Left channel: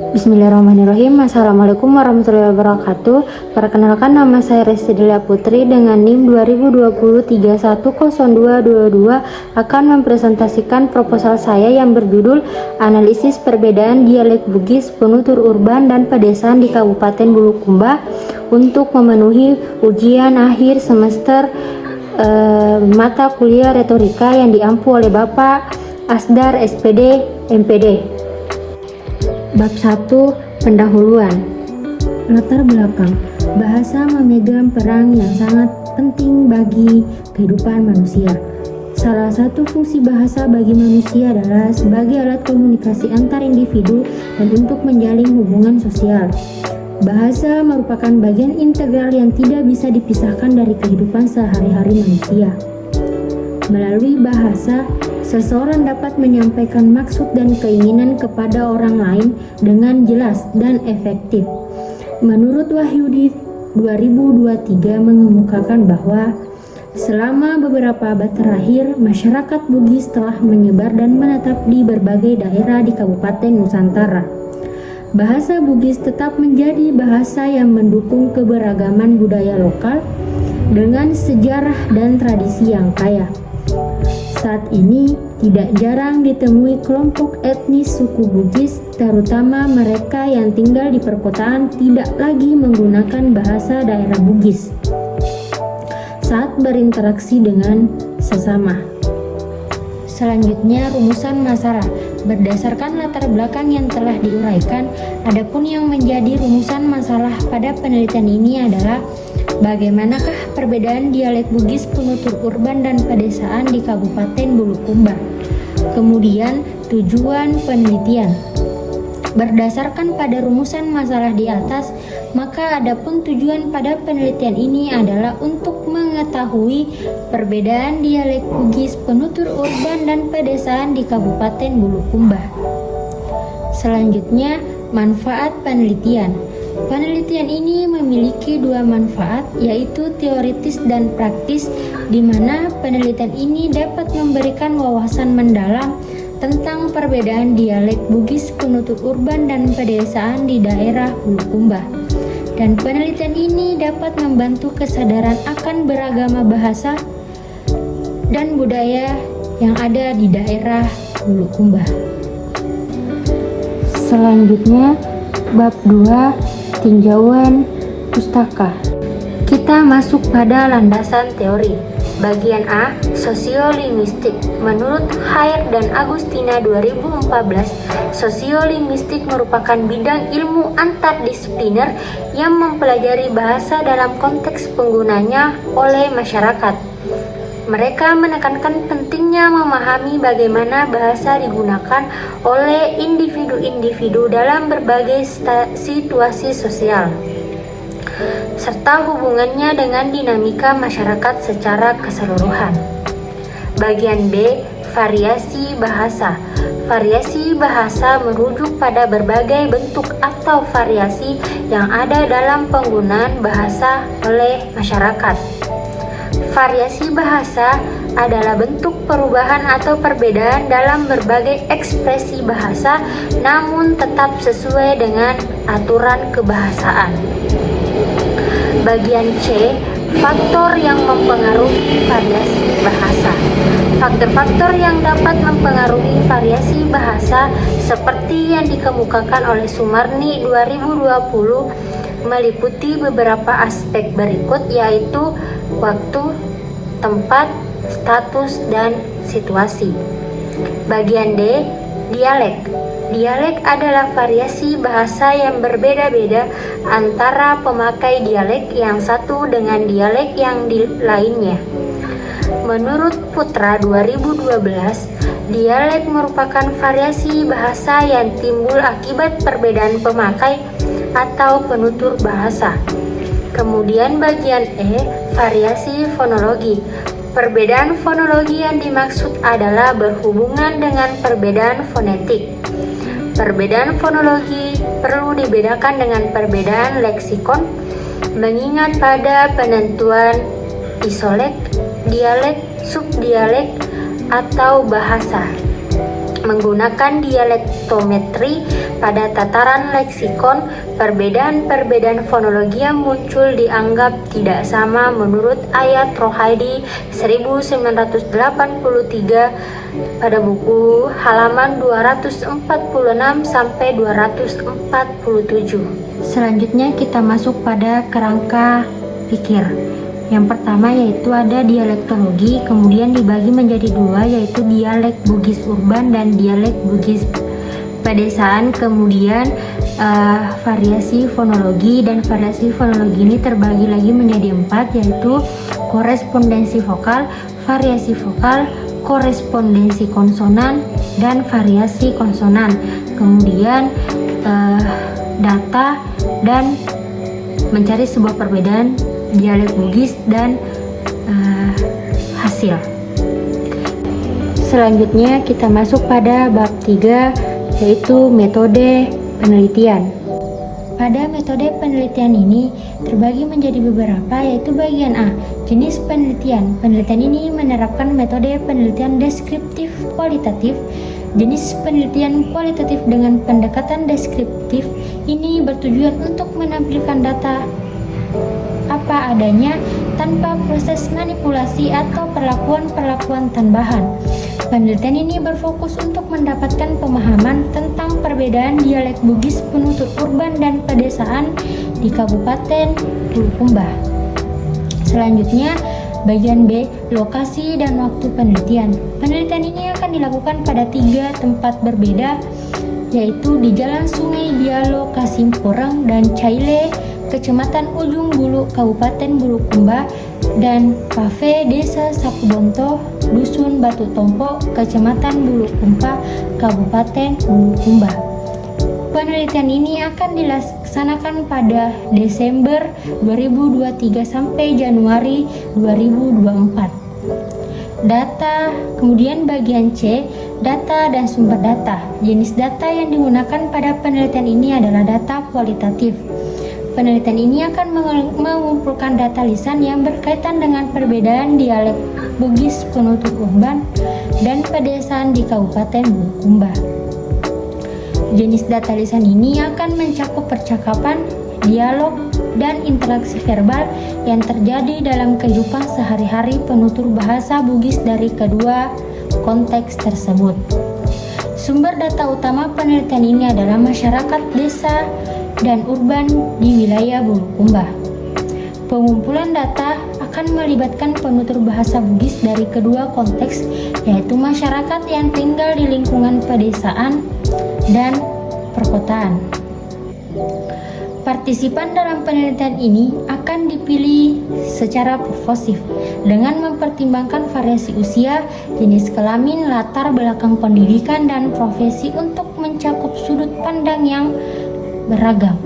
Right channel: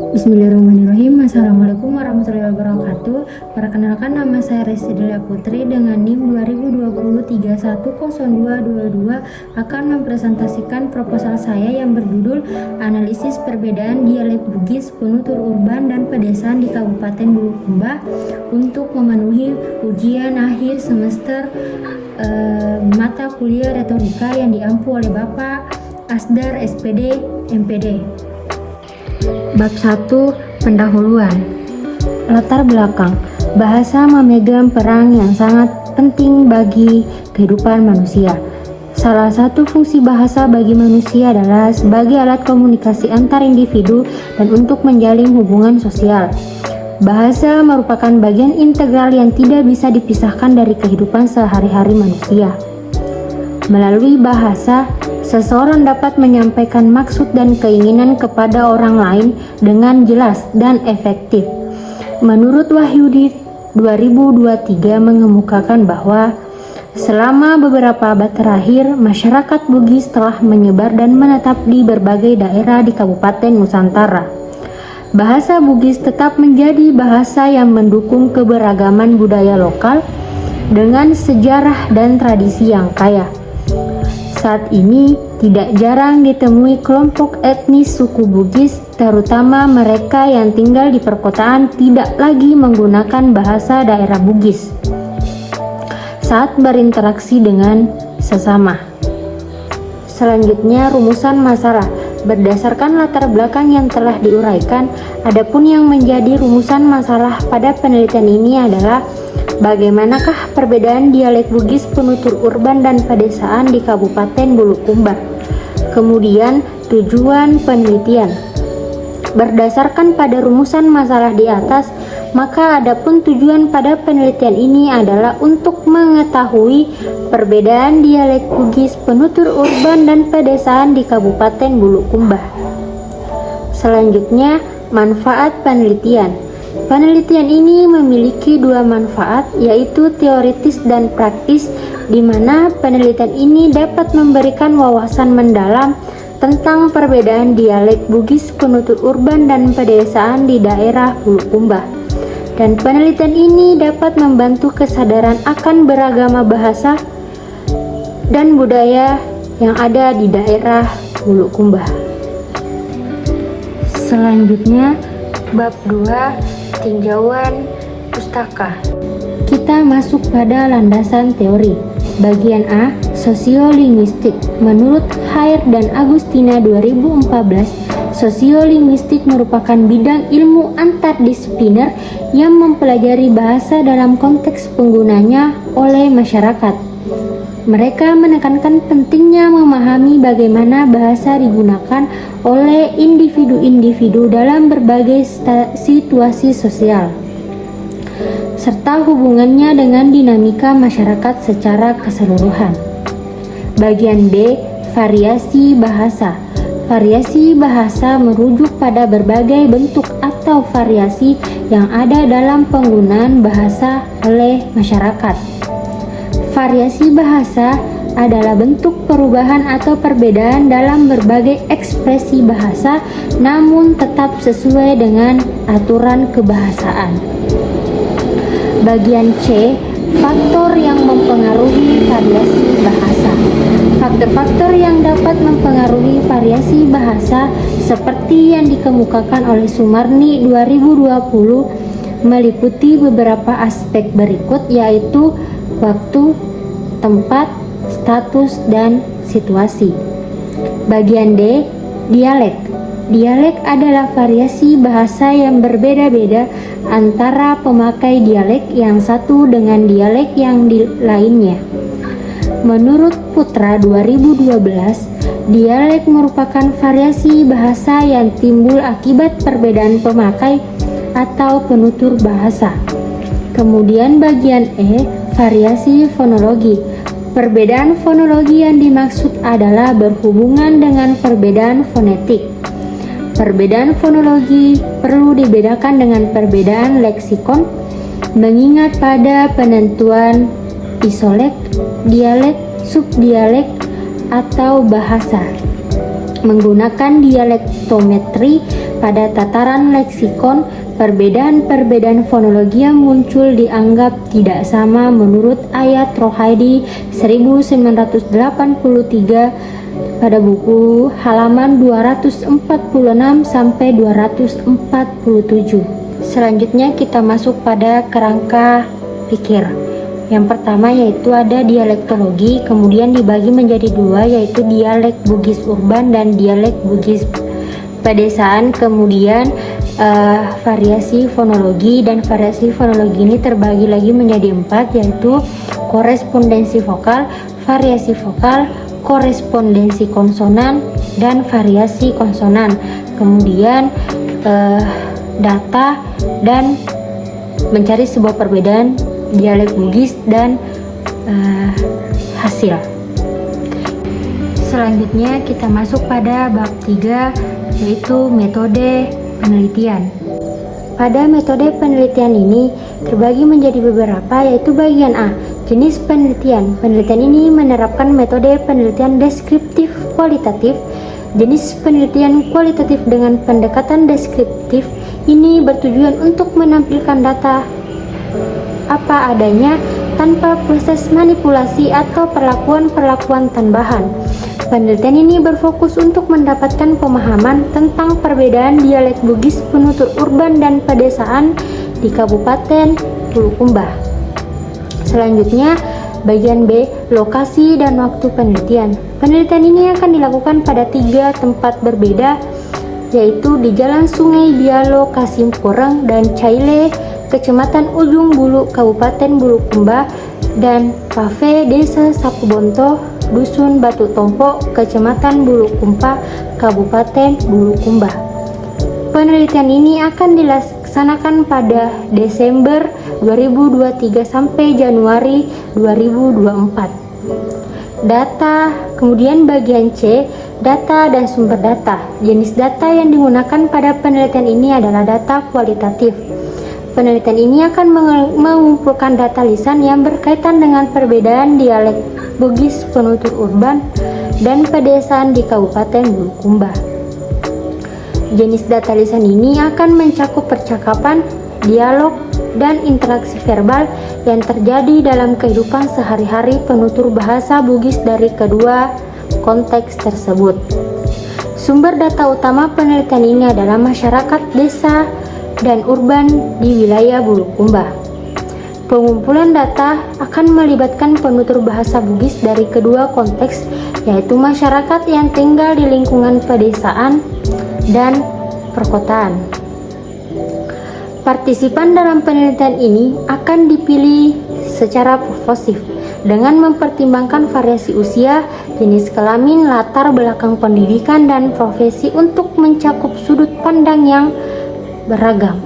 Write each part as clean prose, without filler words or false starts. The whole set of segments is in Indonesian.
Bismillahirrahmanirrahim. Assalamualaikum warahmatullahi wabarakatuh. Perkenalkan, nama saya Resti Delia Putri dengan NIM 2020310222 akan mempresentasikan proposal saya yang berjudul Analisis Perbedaan Dialek Bugis, Penutur Urban dan Pedesaan di Kabupaten Bulukumba untuk memenuhi ujian akhir semester mata kuliah retorika yang diampu oleh Bapak Asdar SPD MPD. Bab 1. Pendahuluan. Latar belakang. Bahasa memegang peran yang sangat penting bagi kehidupan manusia. Salah satu fungsi bahasa bagi manusia adalah sebagai alat komunikasi antar individu dan untuk menjalin hubungan sosial. Bahasa merupakan bagian integral yang tidak bisa dipisahkan dari kehidupan sehari-hari manusia. Melalui bahasa, seseorang dapat menyampaikan maksud dan keinginan kepada orang lain dengan jelas dan efektif. Menurut Wahyudi 2023 mengemukakan bahwa selama beberapa abad terakhir, masyarakat Bugis telah menyebar dan menetap di berbagai daerah di Kabupaten Nusantara. Bahasa Bugis tetap menjadi bahasa yang mendukung keberagaman budaya lokal dengan sejarah dan tradisi yang kaya. Saat ini tidak jarang ditemui kelompok etnis suku Bugis, terutama mereka yang tinggal di perkotaan, tidak lagi menggunakan bahasa daerah Bugis saat berinteraksi dengan sesama. Selanjutnya, rumusan masalah. Berdasarkan latar belakang yang telah diuraikan, adapun yang menjadi rumusan masalah pada penelitian ini adalah bagaimanakah perbedaan dialek Bugis, penutur urban dan pedesaan di Kabupaten Bulukumba. Kemudian, tujuan penelitian. Berdasarkan pada rumusan masalah di atas, maka adapun tujuan pada penelitian ini adalah untuk mengetahui perbedaan dialek Bugis, penutur urban dan pedesaan di Kabupaten Bulukumba. Selanjutnya, manfaat penelitian. Penelitian ini memiliki dua manfaat, yaitu teoritis dan praktis, di mana penelitian ini dapat memberikan wawasan mendalam tentang perbedaan dialek Bugis, penutur urban dan pedesaan di daerah Bulukumba. Dan penelitian ini dapat membantu kesadaran akan beragama bahasa dan budaya yang ada di daerah Bulukumba. Selanjutnya, bab 2, tinjauan pustaka. Kita masuk pada landasan teori. Bagian A, sosiolinguistik. Menurut Hair dan Agustina 2014, sosiolinguistik merupakan bidang ilmu antardisipliner yang mempelajari bahasa dalam konteks penggunanya oleh masyarakat. Mereka menekankan pentingnya memahami bagaimana bahasa digunakan oleh individu-individu dalam berbagai situasi sosial, serta hubungannya dengan dinamika masyarakat secara keseluruhan. Bagian B, variasi bahasa. Variasi bahasa merujuk pada berbagai bentuk atau variasi yang ada dalam penggunaan bahasa oleh masyarakat. Variasi bahasa adalah bentuk perubahan atau perbedaan dalam berbagai ekspresi bahasa, namun tetap sesuai dengan aturan kebahasaan. Bagian C, faktor yang mempengaruhi variasi bahasa. Faktor-faktor yang dapat mempengaruhi variasi bahasa seperti yang dikemukakan oleh Sumarni 2020 meliputi beberapa aspek berikut, yaitu waktu, tempat, status, dan situasi. Bagian D, dialek. Dialek adalah variasi bahasa yang berbeda-beda antara pemakai dialek yang satu dengan dialek yang lainnya. Menurut Putra 2012, dialek merupakan variasi bahasa yang timbul akibat perbedaan pemakai atau penutur bahasa. Kemudian bagian E, variasi fonologi. Perbedaan fonologi yang dimaksud adalah berhubungan dengan perbedaan fonetik. Perbedaan fonologi perlu dibedakan dengan perbedaan leksikon, mengingat pada penentuan isolek, dialek, subdialek, atau bahasa. Menggunakan dialektometri pada tataran leksikon, perbedaan-perbedaan fonologi yang muncul dianggap tidak sama menurut Ayat Rohaidi 1983 pada buku halaman 246 sampai 247. Selanjutnya kita masuk pada kerangka pikir. Yang pertama yaitu ada dialektologi, kemudian dibagi menjadi dua, yaitu dialek Bugis urban dan dialek Bugis pedesaan. Kemudian variasi fonologi, dan variasi fonologi ini terbagi lagi menjadi empat, yaitu korespondensi vokal, variasi vokal, korespondensi konsonan, dan variasi konsonan. Kemudian data dan mencari sebuah perbedaan dialek Bugis dan hasil. Selanjutnya kita masuk pada bab 3, yaitu metode penelitian. Pada metode penelitian ini terbagi menjadi beberapa, yaitu bagian A, jenis penelitian. Penelitian ini menerapkan metode penelitian deskriptif kualitatif. Jenis penelitian kualitatif dengan pendekatan deskriptif ini bertujuan untuk menampilkan data apa adanya tanpa proses manipulasi atau perlakuan-perlakuan tambahan. Penelitian ini berfokus untuk mendapatkan pemahaman tentang perbedaan dialek Bugis penutur urban dan pedesaan di Kabupaten Bulukumba. Selanjutnya, bagian B, lokasi dan waktu penelitian. Penelitian ini akan dilakukan pada 3 tempat berbeda, yaitu di Jalan Sungai Dialog Kasimpurang dan Caile, Kecamatan Ujung Bulu, Kabupaten Bulukumba, dan Pafe Desa Sapubonto, Dusun Batu Tompo, Kecamatan Bulukumba, Kabupaten Bulukumba. Penelitian ini akan dilaksanakan pada Desember 2023 sampai Januari 2024. Data, kemudian bagian C, data dan sumber data. Jenis data yang digunakan pada penelitian ini adalah data kualitatif. Penelitian ini akan mengumpulkan data lisan yang berkaitan dengan perbedaan dialek Bugis penutur urban dan pedesaan di Kabupaten Bulukumba. Jenis data lisan ini akan mencakup percakapan, dialog, dan interaksi verbal yang terjadi dalam kehidupan sehari-hari penutur bahasa Bugis dari kedua konteks tersebut. Sumber data utama penelitian ini adalah masyarakat desa dan urban di wilayah Bulukumba. Pengumpulan data akan melibatkan penutur bahasa Bugis dari kedua konteks, yaitu masyarakat yang tinggal di lingkungan pedesaan dan perkotaan. Partisipan dalam penelitian ini akan dipilih secara purposif dengan mempertimbangkan variasi usia, jenis kelamin, latar belakang pendidikan, dan profesi untuk mencakup sudut pandang yang beragam.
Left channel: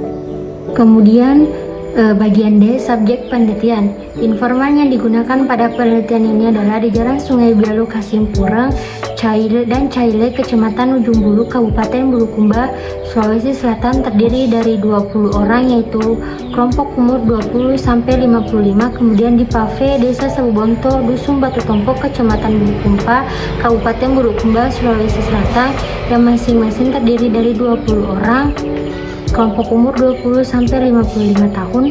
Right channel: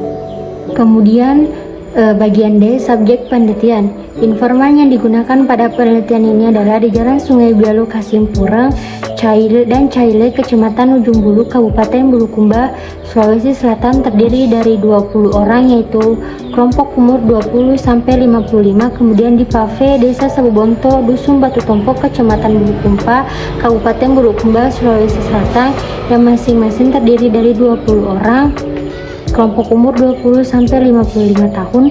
Kemudian bagian D, subjek penelitian. Informan yang digunakan pada penelitian ini adalah di Jalan Sungai Dialog Kasimpurang, Caile, Kecamatan Ujung Bulu, Kabupaten Bulukumba, Sulawesi Selatan, terdiri dari 20 orang, yaitu kelompok umur 20 sampai 55. Kemudian di Pafe Desa Sabubonto, Dusun Batu Tompo, Kecamatan Bulukumba, Kabupaten Bulukumba, Sulawesi Selatan, yang masing-masing terdiri dari 20 orang, kelompok umur 20 sampai 55 tahun.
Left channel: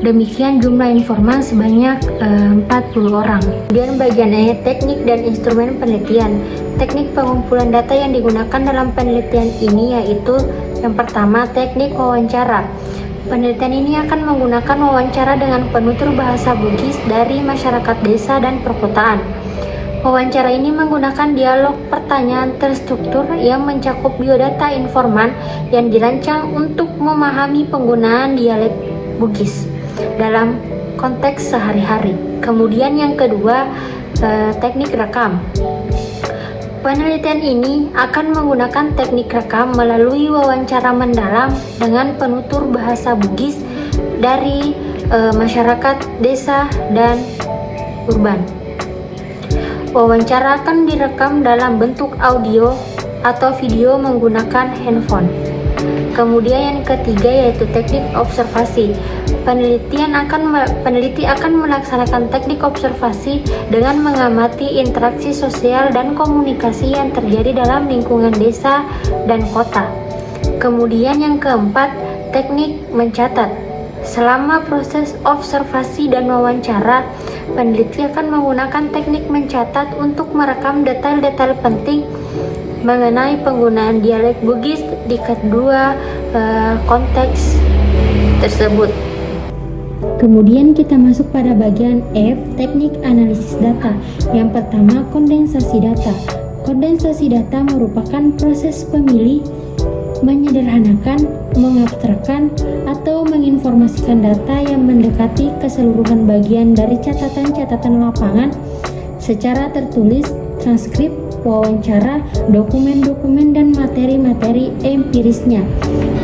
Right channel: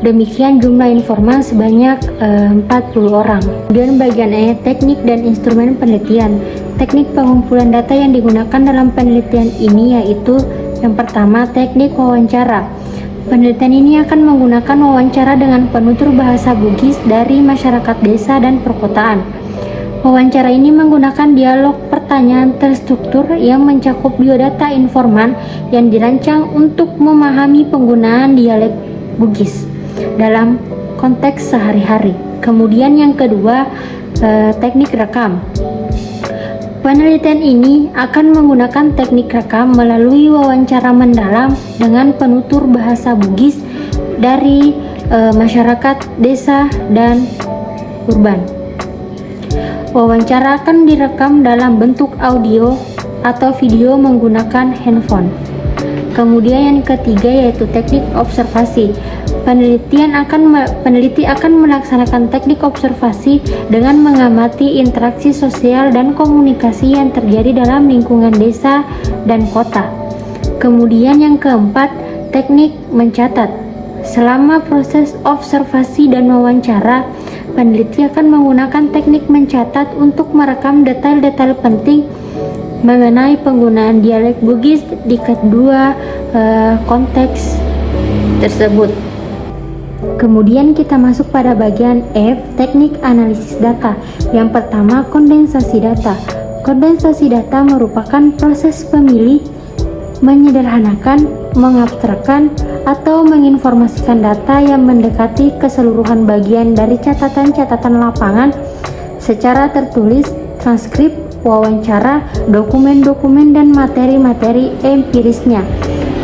Demikian jumlah informan sebanyak 40 orang. Kemudian bagian E, teknik dan instrumen penelitian. Teknik pengumpulan data yang digunakan dalam penelitian ini yaitu yang pertama, teknik wawancara. Penelitian ini akan menggunakan wawancara dengan penutur bahasa Bugis dari masyarakat desa dan perkotaan. Wawancara ini menggunakan dialog pertanyaan terstruktur yang mencakup biodata informan yang dirancang untuk memahami penggunaan dialek Bugis dalam konteks sehari-hari. Kemudian yang kedua, teknik rekam. Penelitian ini akan menggunakan teknik rekam melalui wawancara mendalam dengan penutur bahasa Bugis dari masyarakat desa dan urban. Wawancara akan direkam dalam bentuk audio atau video menggunakan handphone. Kemudian yang ketiga yaitu teknik observasi. Peneliti akan melaksanakan teknik observasi dengan mengamati interaksi sosial dan komunikasi yang terjadi dalam lingkungan desa dan kota. Kemudian yang keempat, teknik mencatat. Selama proses observasi dan wawancara, peneliti akan menggunakan teknik mencatat untuk merekam detail-detail penting mengenai penggunaan dialek Bugis di kedua konteks tersebut. Kemudian kita masuk pada bagian F, teknik analisis data. Yang pertama, kondensasi data. Kondensasi data merupakan proses pemilih menyederhanakan, mengabstrakkan, atau menginformasikan data yang mendekati keseluruhan bagian dari catatan-catatan lapangan secara tertulis, transkrip, wawancara, dokumen-dokumen, dan materi-materi empirisnya.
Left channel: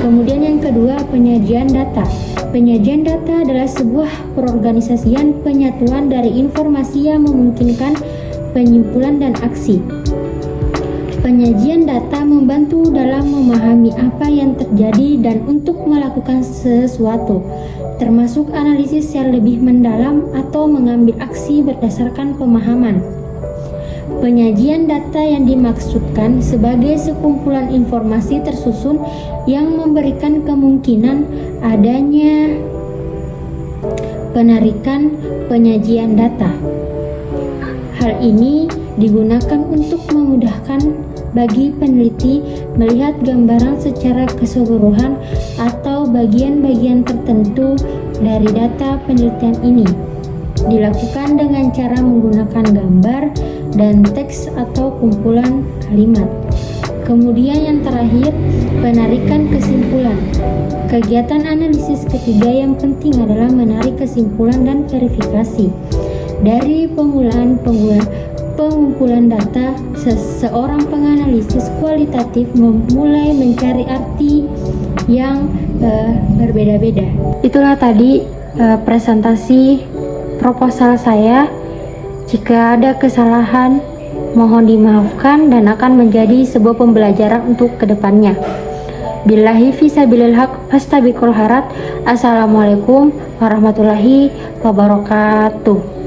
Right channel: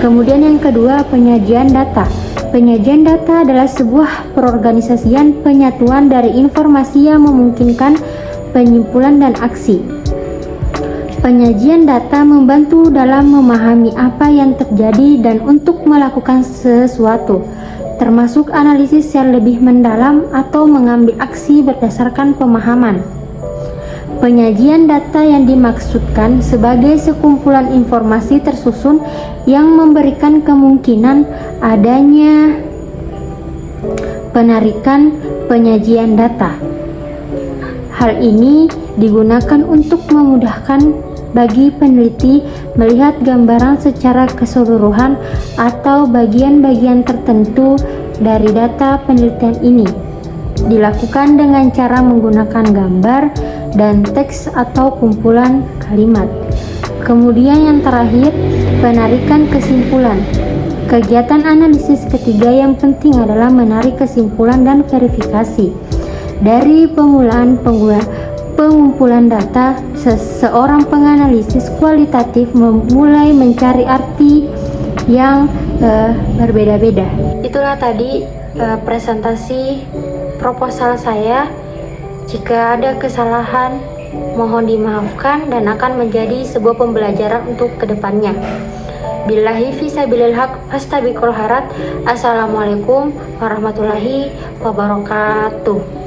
Kemudian yang kedua, penyajian data. Penyajian data adalah sebuah perorganisasian penyatuan dari informasi yang memungkinkan penyimpulan dan aksi. Penyajian data membantu dalam memahami apa yang terjadi dan untuk melakukan sesuatu, termasuk analisis yang lebih mendalam atau mengambil aksi berdasarkan pemahaman. Penyajian data yang dimaksudkan sebagai sekumpulan informasi tersusun yang memberikan kemungkinan adanya penarikan penyajian data. Hal ini digunakan untuk memudahkan bagi peneliti melihat gambaran secara keseluruhan atau bagian-bagian tertentu dari data penelitian ini. Dilakukan dengan cara menggunakan gambar dan teks atau kumpulan kalimat. Kemudian yang terakhir, penarikan kesimpulan. Kegiatan analisis ketiga yang penting adalah menarik kesimpulan dan verifikasi. Dari pengumpulan data, seorang penganalisis kualitatif memulai mencari arti yang berbeda-beda. Itulah tadi presentasi proposal saya. Jika ada kesalahan, mohon dimaafkan dan akan menjadi sebuah pembelajaran untuk kedepannya. Billahi fisabilil haq fastabiqul khairat. Assalamualaikum warahmatullahi wabarakatuh.